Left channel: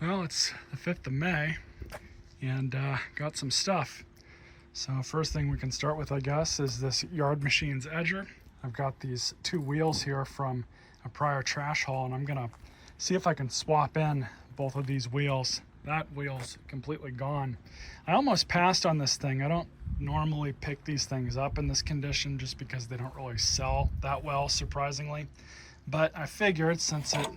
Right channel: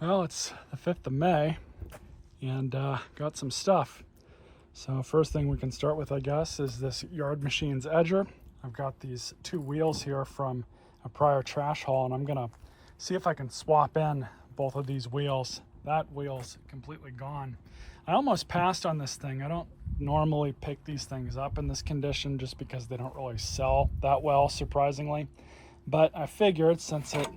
Well, it's the 5th of May and got some stuff. So first thing we can start with, I guess, is this Yard Machines edger. I've got these 2 wheels here from a prior trash haul, and I'm gonna see if I can swap in both of these wheels. That wheel's completely gone. I almost passed on this thing. I don't normally pick these things up in this condition just because they don't really sell that well, surprisingly. But I figured since it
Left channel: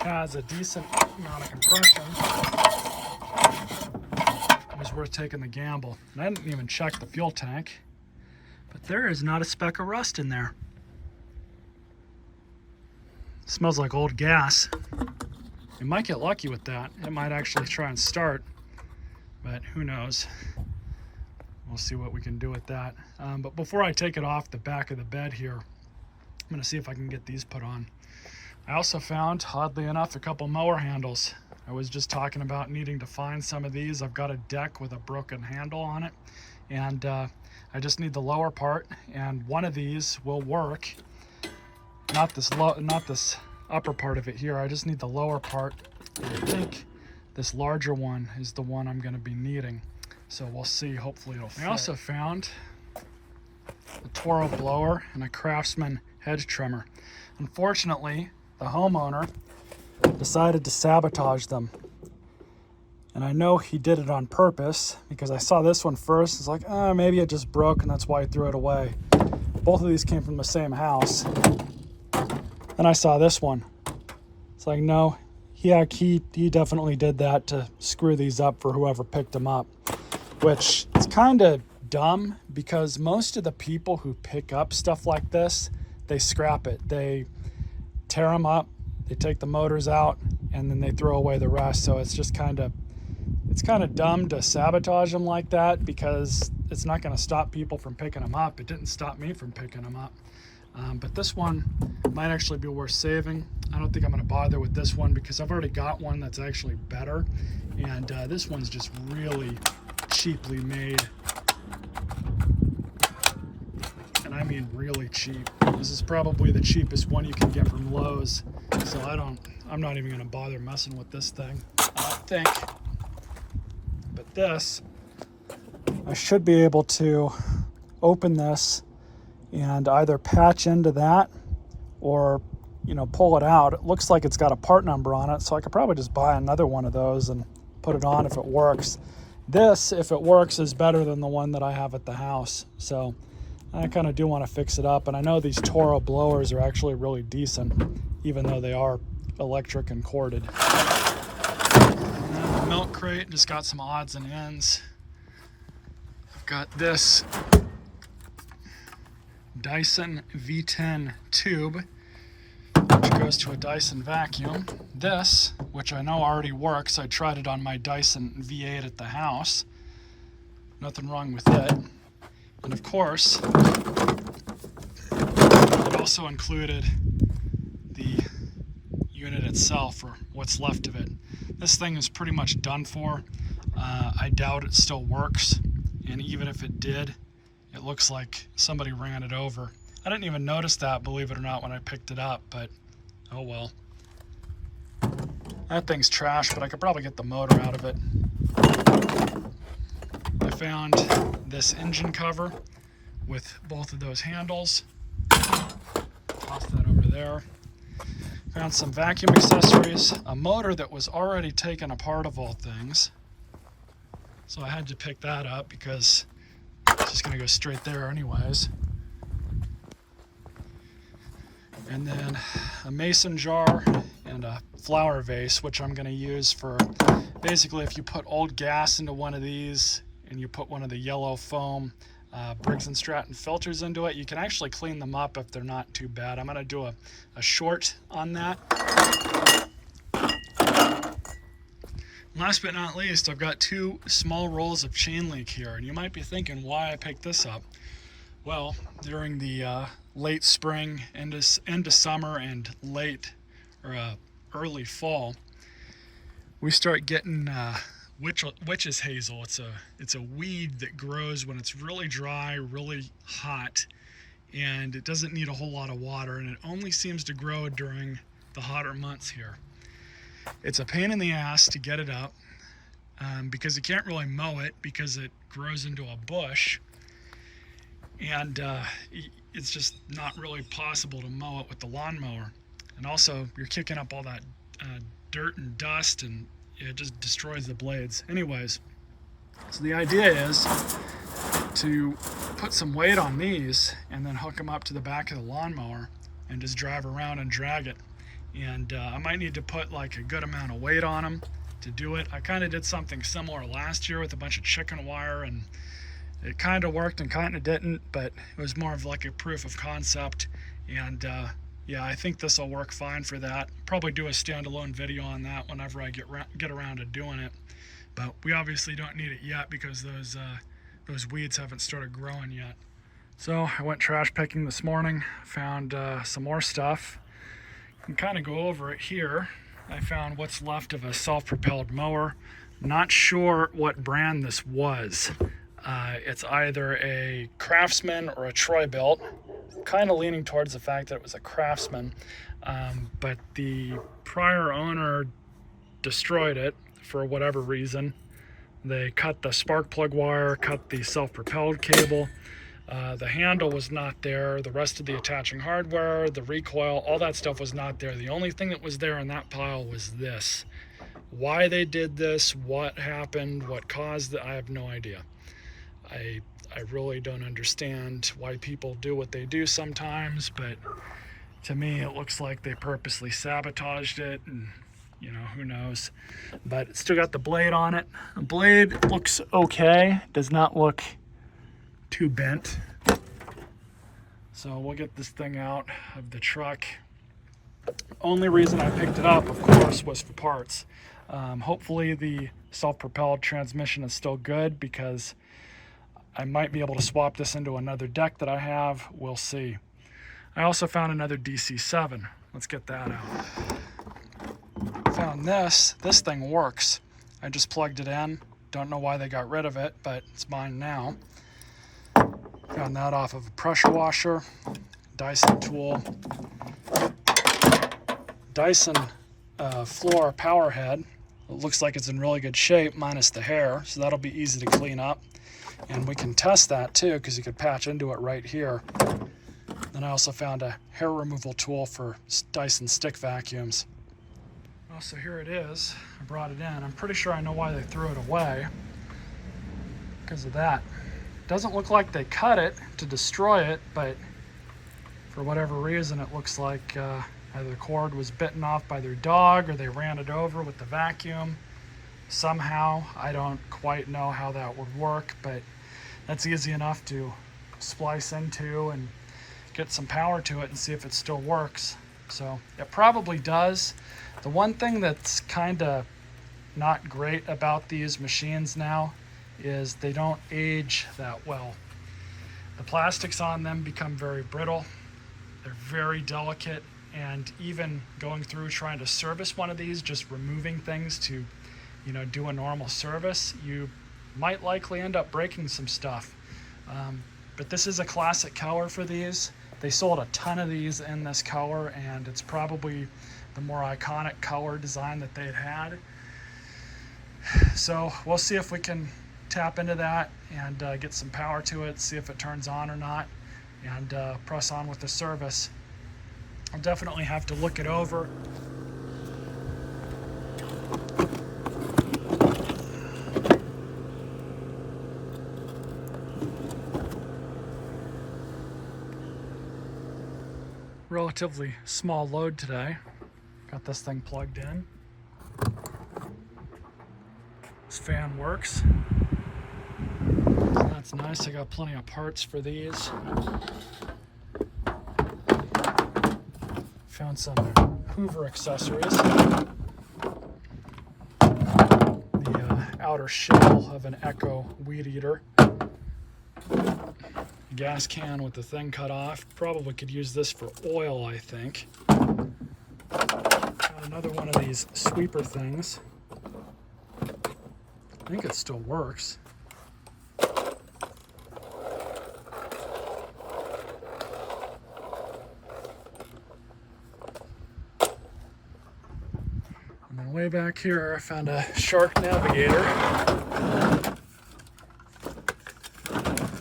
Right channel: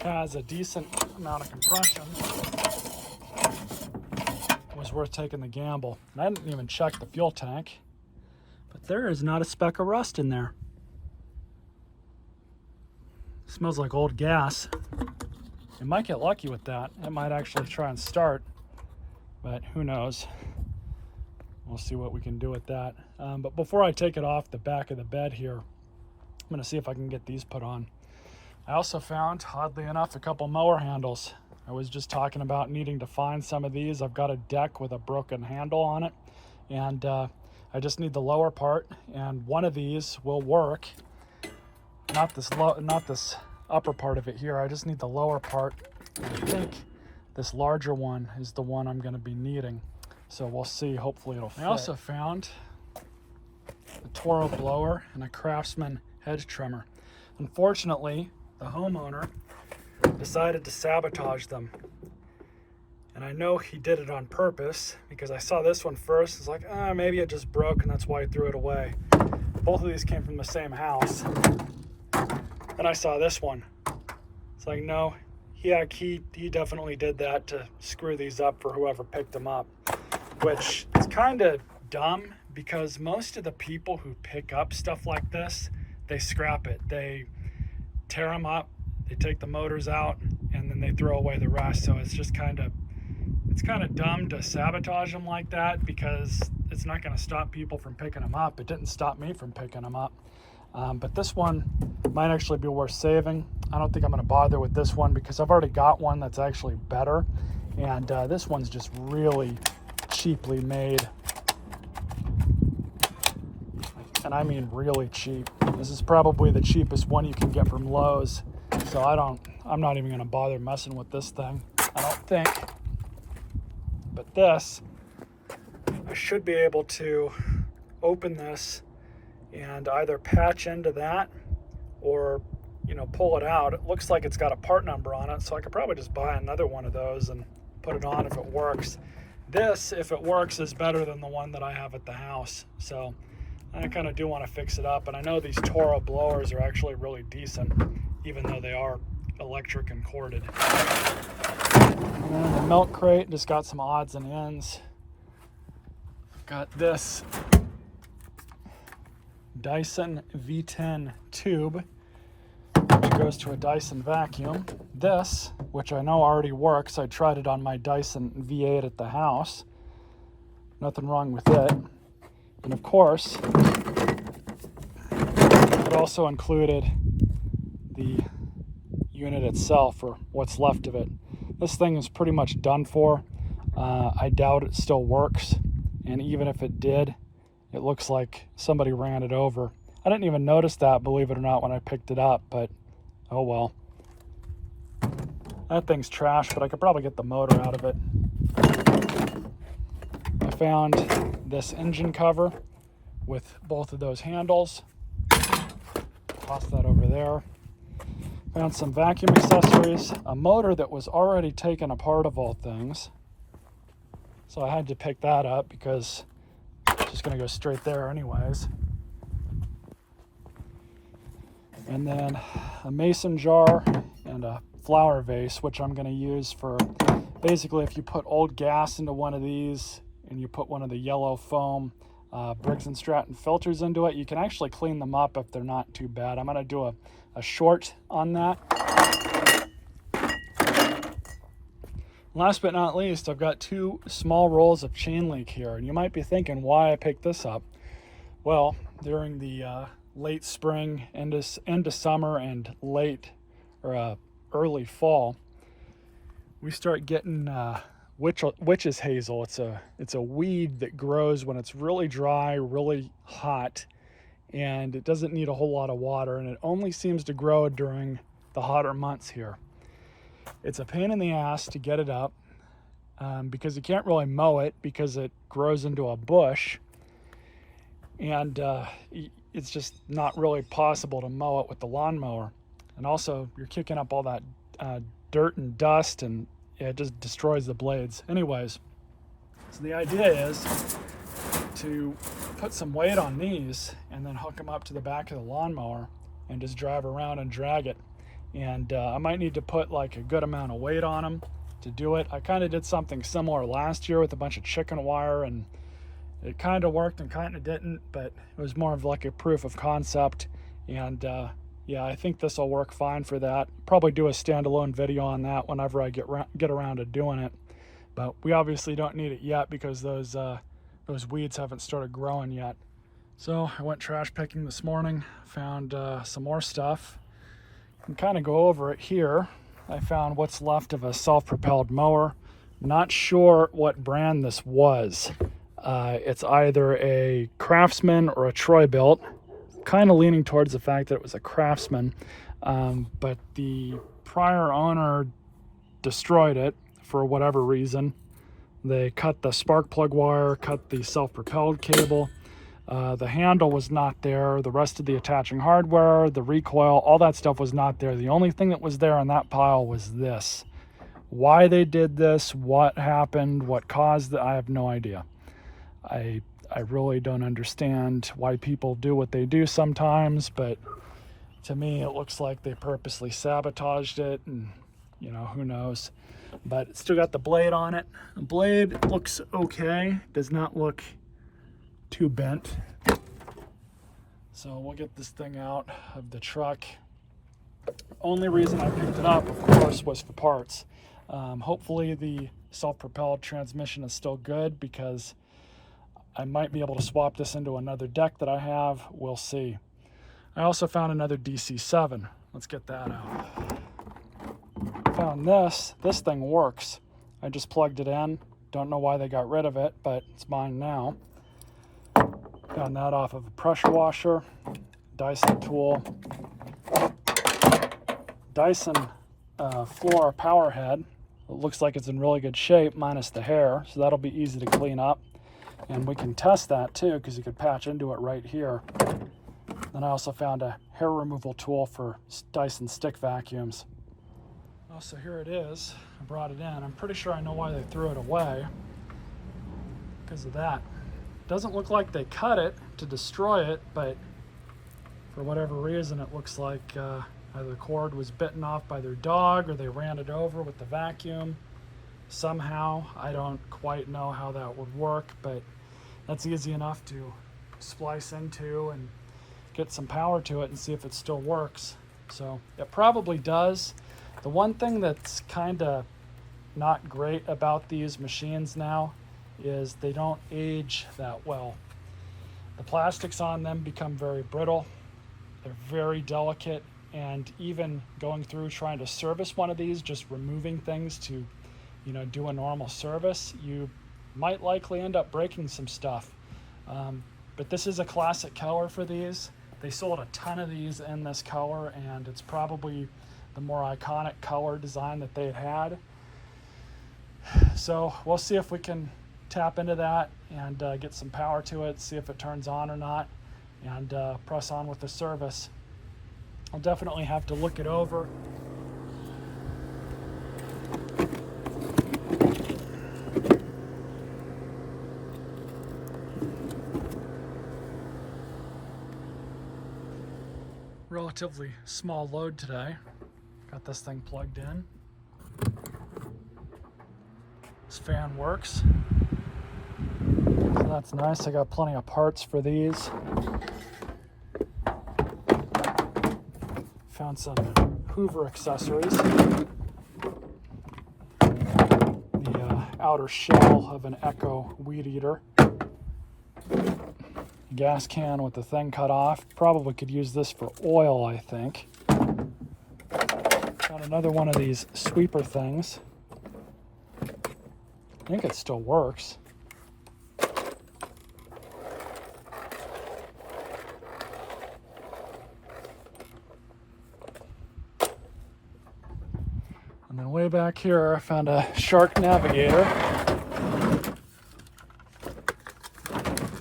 has a decent amount of compression, it was worth taking the gamble. And I didn't even check the fuel tank, but there is not a speck of rust in there. It smells like old gas. You might get lucky with that. It might actually try and start, but who knows? We'll see what we can do with that. But before I take it off the back of the bed here, I'm gonna see if I can get these put on. I also found, oddly enough, a couple mower handles. I was just talking about needing to find some of these. I've got a deck with a broken handle on it, and I just need the lower part, and one of these will work. Not this upper part of it here. I just need the lower part. I think this larger one is the one I'm going to be needing. So we'll see. Hopefully it'll fit. I also found a Toro blower and a Craftsman hedge trimmer. Unfortunately, the homeowner decided to sabotage them. And I know he did it on purpose because I saw this one first. It's like, maybe it just broke and that's why he threw it away. Both of these came from the same house. And I saw this one. It's like, no, he definitely did that to screw these up for whoever picked them up. Which is kind of dumb because most of the people who pick up stuff like this, they scrap it. They tear them up, they take the motors out, and then they throw away the rest. So it's just kind of dumb to sabotage them like that because it's not going to stop people from picking them up. It didn't stop me from picking them up. But this one might actually be worth saving. I don't think I'm going to bother with this one because I've already got one that's actually better. And this one's just really cheaply made. And I mean really cheap. This is probably the cheapest one you can get from Lowe's. So I'm not even going to bother messing with this thing, I don't think. But this, I should be able to open this and either patch into that or, pull it out. It looks like it's got a part number on it, so I could probably just buy another one of those and put it on if it works. This, if it works, is better than the one that I have at the house. So I kind of do want to fix it up. And I know these Toro blowers are actually really decent, even though they are electric and corded. And then the milk crate just got some odds and ends. I've got this Dyson V10 tube, which goes to a Dyson vacuum. This, which I know already works, I tried it on my Dyson V8 at the house. Nothing wrong with it. And of course, it also included the unit itself, or what's left of it. This thing is pretty much done for. I doubt it still works, and even if it did, it looks like somebody ran it over. I didn't even notice that, believe it or not, when I picked it up, but oh well. That thing's trash, but I could probably get the motor out of it. I found this engine cover with both of those handles. Toss that over there. Found some vacuum accessories, a motor that was already taken apart of all things. So I had to pick that up because it's just gonna go straight there anyways. And then a mason jar and a flower vase, which I'm gonna use for basically if you put old gas into one of these and you put one of the yellow foam Briggs & Stratton filters into it, you can actually clean them up if they're not too bad. I'm gonna do a short on that. Last but not least, I've got 2 small rolls of chain link here, and you might be thinking why I picked this up. Well, during the late spring, into summer, and early fall, we start getting witch's hazel. It's a weed that grows when it's really dry, really hot, and it doesn't need a whole lot of water, and it only seems to grow during the hotter months here. It's a pain in the ass to get it up because you can't really mow it because it grows into a bush, and it's just not really possible to mow it with the lawnmower. And also, you're kicking up all that dirt and dust, and it just destroys the blades. Anyways, so the idea is to put some weight on these and then hook them up to the back of the lawnmower and just drive around and drag it. And I might need to put like a good amount of weight on them to do it. I kind of did something similar last year with a bunch of chicken wire, and it kind of worked and kind of didn't, but it was more of like a proof of concept. And yeah, I think this will work fine for that. Probably do a standalone video on that whenever I get around to doing it. But we obviously don't need it yet because those weeds haven't started growing yet. So I went trash picking this morning, found some more stuff. You can kind of go over it here. I found what's left of a self-propelled mower. Not sure what brand this was. It's either a Craftsman or a Troy-Bilt. Kind of leaning towards the fact that it was a Craftsman, but the prior owner destroyed it for whatever reason. They cut the spark plug wire, cut the self-propelled cable. The handle was not there. The rest of the attaching hardware, the recoil, all that stuff was not there. The only thing that was there in that pile was this. Why they did this, what happened, what caused it, I have no idea. I really don't understand why people do what they do sometimes, but to me it looks like they purposely sabotaged it, and you know, who knows. But it's still got the blade on it. The blade looks okay, does not look too bent. So we'll get this thing out of the truck. Only reason I picked it up, of course, was for parts. Hopefully the self-propelled transmission is still good, because I might be able to swap this into another deck that I have. We'll see. I also found another DC7. Let's get that out. Found this. This thing works. I just plugged it in. Don't know why they got rid of it, but it's mine now. Found that off of a pressure washer. Dyson tool. Dyson floor power head. It looks like it's in really good shape, minus the hair, so that'll be easy to clean up. And we can test that too, because you could patch into it right here. Then I also found a hair removal tool for Dyson stick vacuums. Oh, so here it is. I brought it in. I'm pretty sure I know why they threw it away. Because of that. Doesn't look like they cut it to destroy it, but for whatever reason it looks like either the cord was bitten off by their dog or they ran it over with the vacuum. Somehow, I don't quite know how that would work, but that's easy enough to splice into and get some power to it and see if it still works. So it probably does. The one thing that's kind of not great about these machines now is they don't age that well. The plastics on them become very brittle. They're very delicate, and even going through trying to service one of these, just removing things to, you know, do a normal service, you might likely end up breaking some stuff. But this is a classic color for these. They sold a ton of these in this color, and it's probably the more iconic color design that they had. So we'll see if we can tap into that and get some power to it, see if it turns on or not, and press on with the service. I'll definitely have to look it over. Relatively small load today. Got this thing plugged in. This fan works. So that's nice. I got plenty of parts for these. Found some Hoover Accessories. The outer shell of an Echo weed eater. Gas can with the thing cut off. Probably could use this for oil, I think. Found another one of these sweeper things. I think it still works. And then way way back here, I found a Shark Navigator.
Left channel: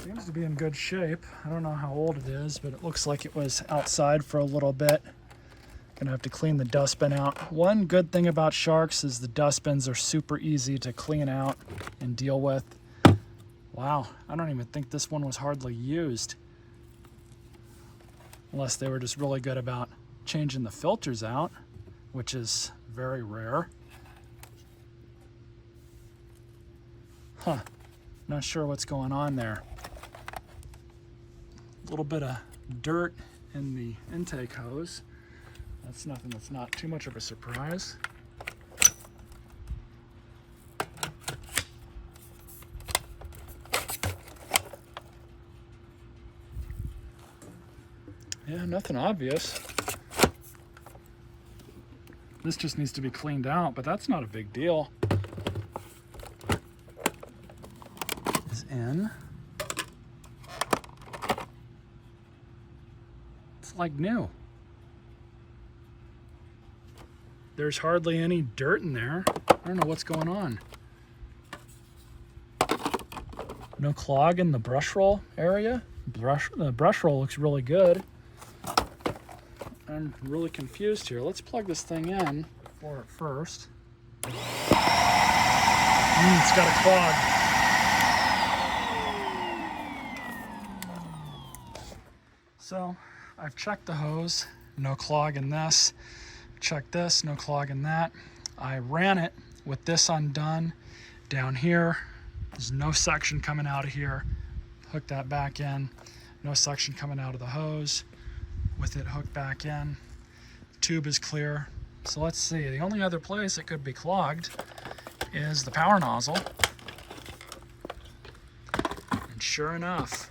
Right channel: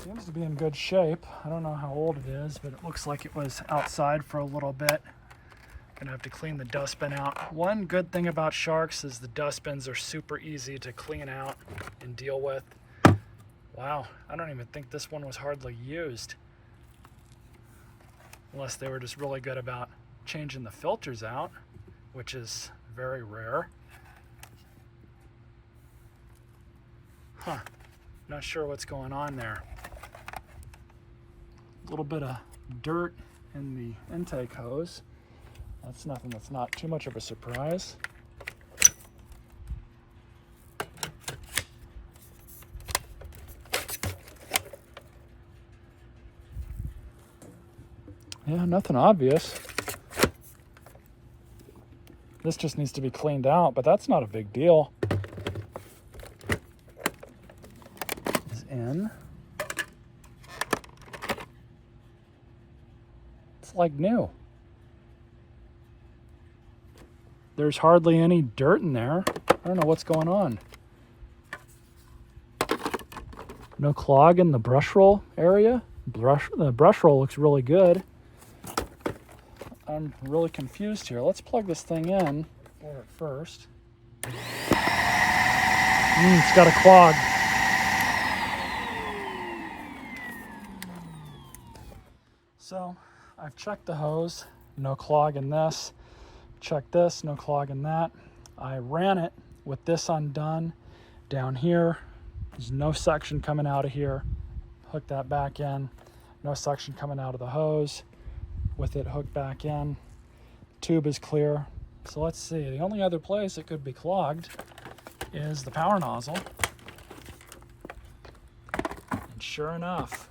Seems to be in good shape. I don't know how old it is, but it looks like it was outside for a little bit. Gonna have to clean the dustbin out. One good thing about Sharks is the dustbins are super easy to clean out and deal with. Wow, I don't even think this one was hardly used. Unless they were just really good about changing the filters out, which is very rare. Huh, not sure what's going on there. A little bit of dirt in the intake hose. That's nothing that's not too much of a surprise. Yeah, nothing obvious. This just needs to be cleaned out, but that's not a big deal. Is in. It's like new. There's hardly any dirt in there. I don't know what's going on. No clog in the brush roll area. The brush roll looks really good. I'm really confused here. Let's plug this thing in for it first. It's got a clog. So I've checked the hose, no clog in this. Checked this, no clog in that. I ran it with this undone down here. There's no suction coming out of here. Hook that back in. No suction coming out of the hose. With it hooked back in. The tube is clear. So let's see. The only other place it could be clogged is the power nozzle. And sure enough,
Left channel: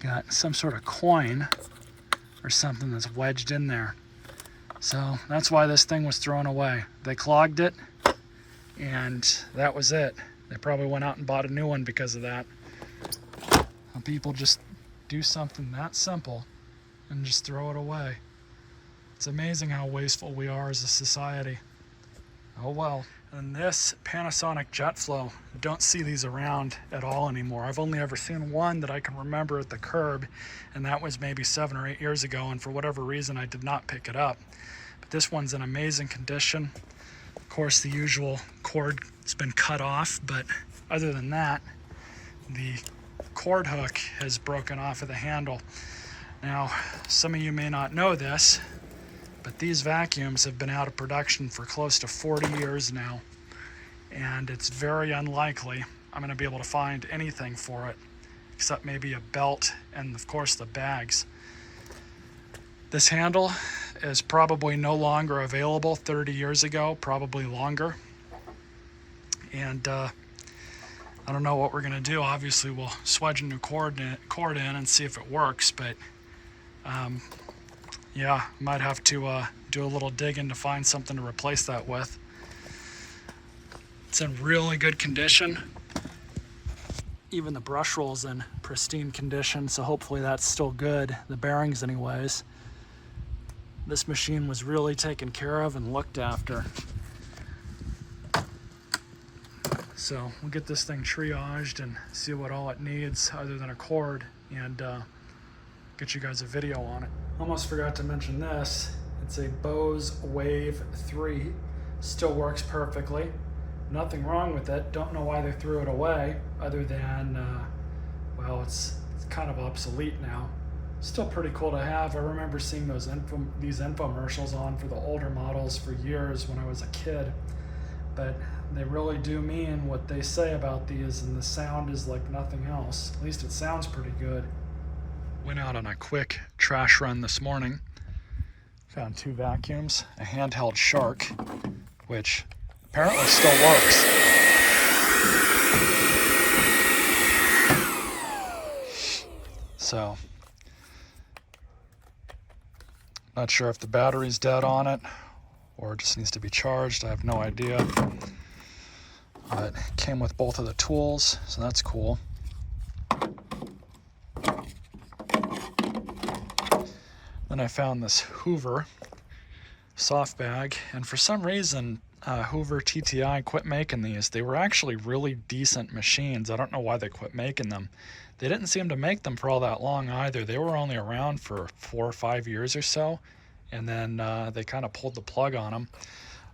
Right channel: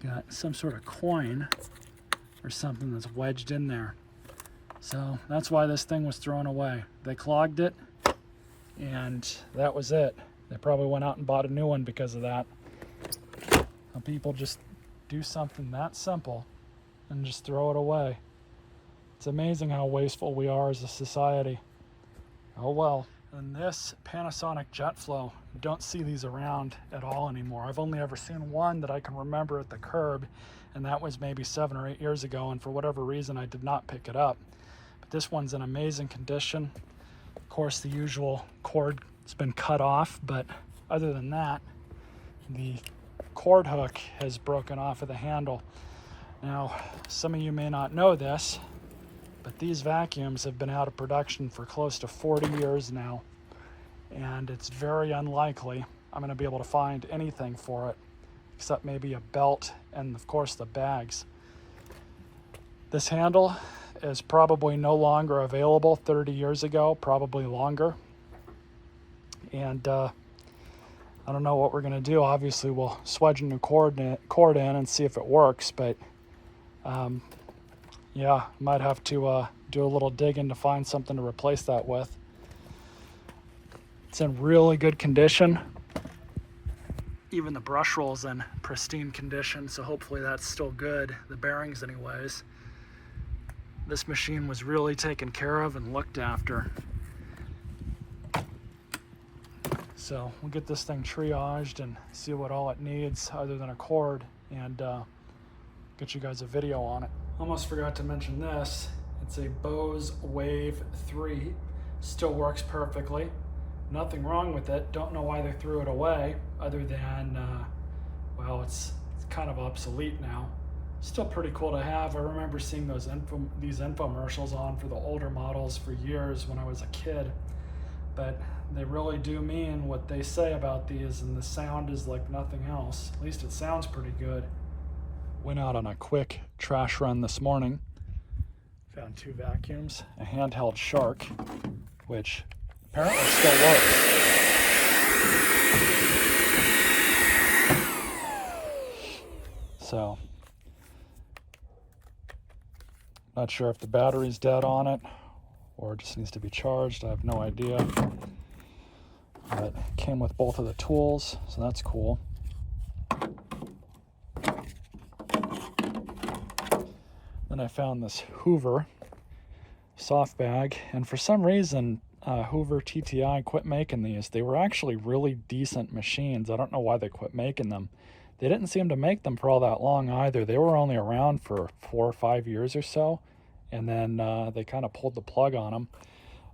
got some sort of coin or something that's wedged in there. So that's why this thing was thrown away. They clogged it, and that was it. They probably went out and bought a new one because of that. People just do something that simple and just throw it away. It's amazing how wasteful we are as a society. Oh well. And this Panasonic JetFlow, don't see these around at all anymore. I've only ever seen one that I can remember at the curb, and that was maybe 7 or 8 years ago, and for whatever reason I did not pick it up. But this one's in amazing condition. Of course, the usual cord's been cut off, but other than that, the cord hook has broken off of the handle. Now, some of you may not know this, but these vacuums have been out of production for close to 40 years now, and it's very unlikely I'm going to be able to find anything for it except maybe a belt and of course the bags. This handle is probably no longer available 30 years ago, probably longer, and I don't know what we're going to do. Obviously, we'll swedge a new cord in and see if it works, but yeah, might have to do a little digging to find something to replace that with. It's in really good condition. Even the brush roll's in pristine condition, so hopefully that's still good. The bearings anyways. This machine was really taken care of and looked after. So we'll get this thing triaged and see what all it needs other than a cord, and get you guys a video on it. Almost forgot to mention this. It's a Bose Wave 3. Still works perfectly. Nothing wrong with it. Don't know why they threw it away other than, well, it's kind of obsolete now. Still pretty cool to have. I remember seeing these infomercials on for the older models for years when I was a kid. But they really do mean what they say about these, and the sound is like nothing else. At least it sounds pretty good. Went out on a quick trash run this morning. Found 2 vacuums, a handheld Shark, which apparently still works. So, not sure if the battery's dead on it or it just needs to be charged. I have no idea. But it came with both of the tools, so that's cool. Then I found this Hoover soft bag, and for some reason Hoover TTI quit making these. They were actually really decent machines. I don't know why they quit making them. They didn't seem to make them for all that long either. They were only around for 4 or 5 years or so, and then they kind of pulled the plug on them.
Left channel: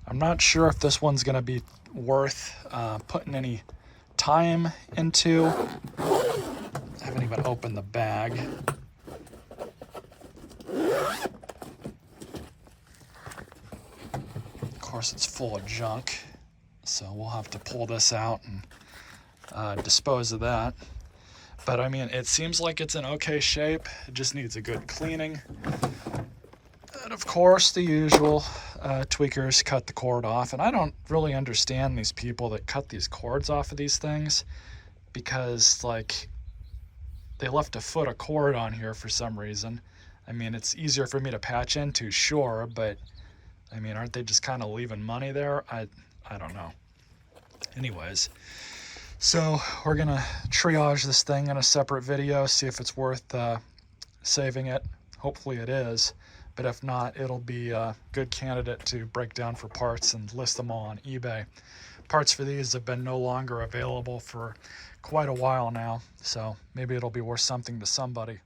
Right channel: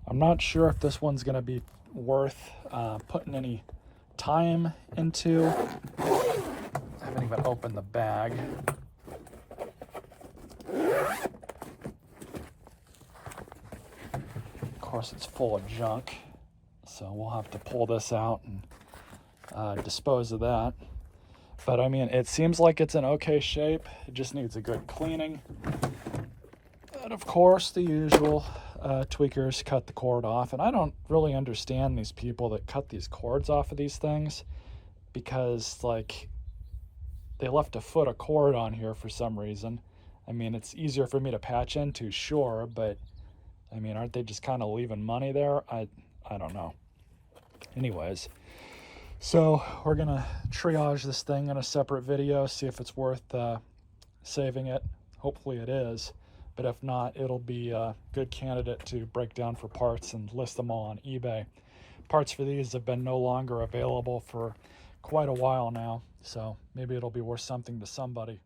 I'm not sure if this one's going to be worth putting any time into. I haven't even opened the bag. Of course, it's full of junk, so we'll have to pull this out and dispose of that. But I mean, it seems like it's in okay shape. It just needs a good cleaning. And of course, the usual tweakers cut the cord off. And I don't really understand these people that cut these cords off of these things, because like they left a foot of cord on here for some reason. I mean, it's easier for me to patch into, sure, but I mean, aren't they just kind of leaving money there? I don't know. Anyways, so we're gonna triage this thing in a separate video, see if it's worth saving it. Hopefully it is, but if not, it'll be a good candidate to break down for parts and list them all on eBay. Parts for these have been no longer available for quite a while now, so maybe it'll be worth something to somebody.